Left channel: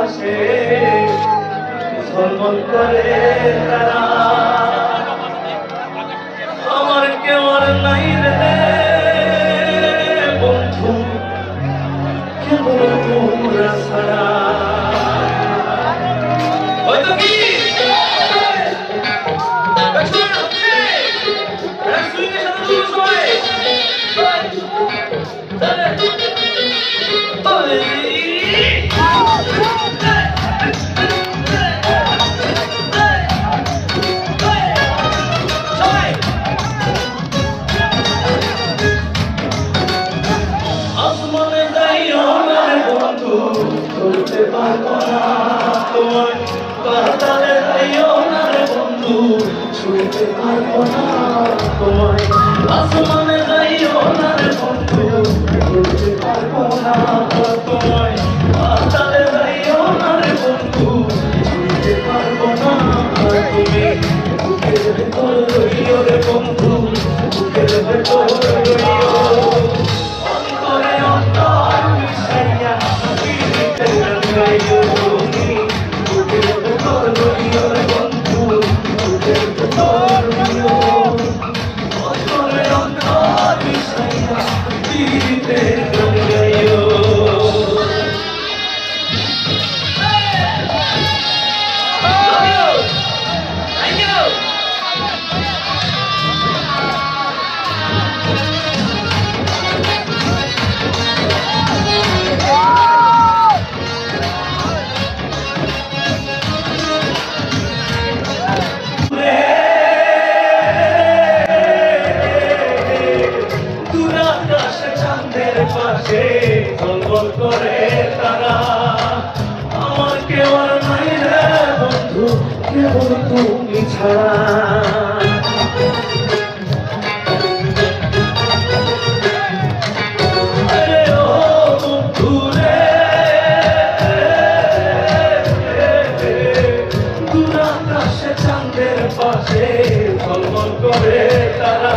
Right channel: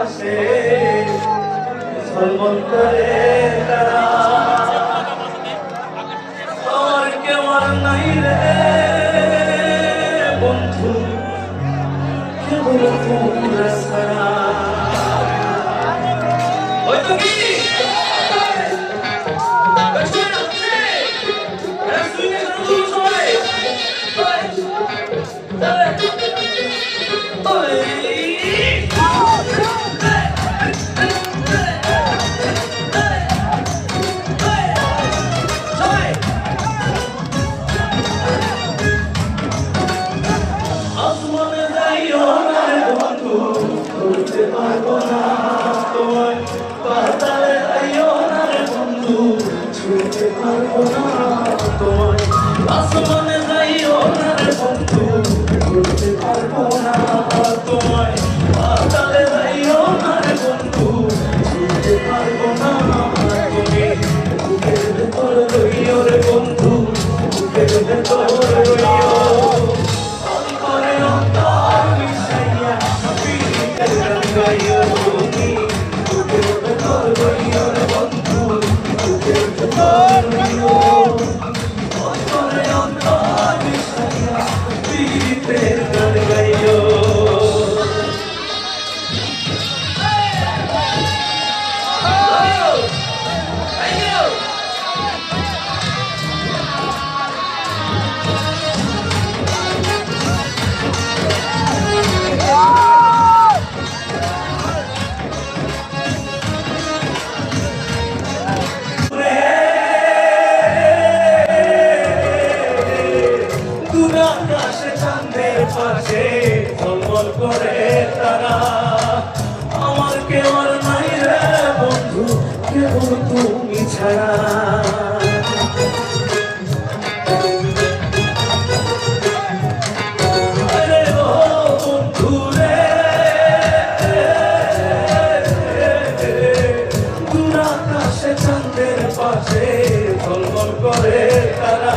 পাশে ঝলমল করে তারা। আমার কেউ আর নাই রে বন্ধু, কেবল তোমরা ছাড়া। হয়তো কি করতে পারবো না তোমার পাতালে যাইও না রে বন্ধু, ছুঁতে পারবো না তোমায়। আসমানে যাইও না রে বন্ধু, ছুঁতে পারবো না তোমায়। পাতালে যাইও না রে বন্ধু, ছুঁতে পারবো না তুমি। বুকের ভেতর রইও রে বন্ধু, বুকের ভেতর রইও। অন্তরে অন্তর মিশাইয়া পাশে ঝলমল করে তারা। আমার কেউ আর নাই রে বন্ধু, কেবল তুমি ছাড়া। আরে ও বন্ধু রে, দূর আকাশে চাঁদের পাশে ঝলমল করে তারা।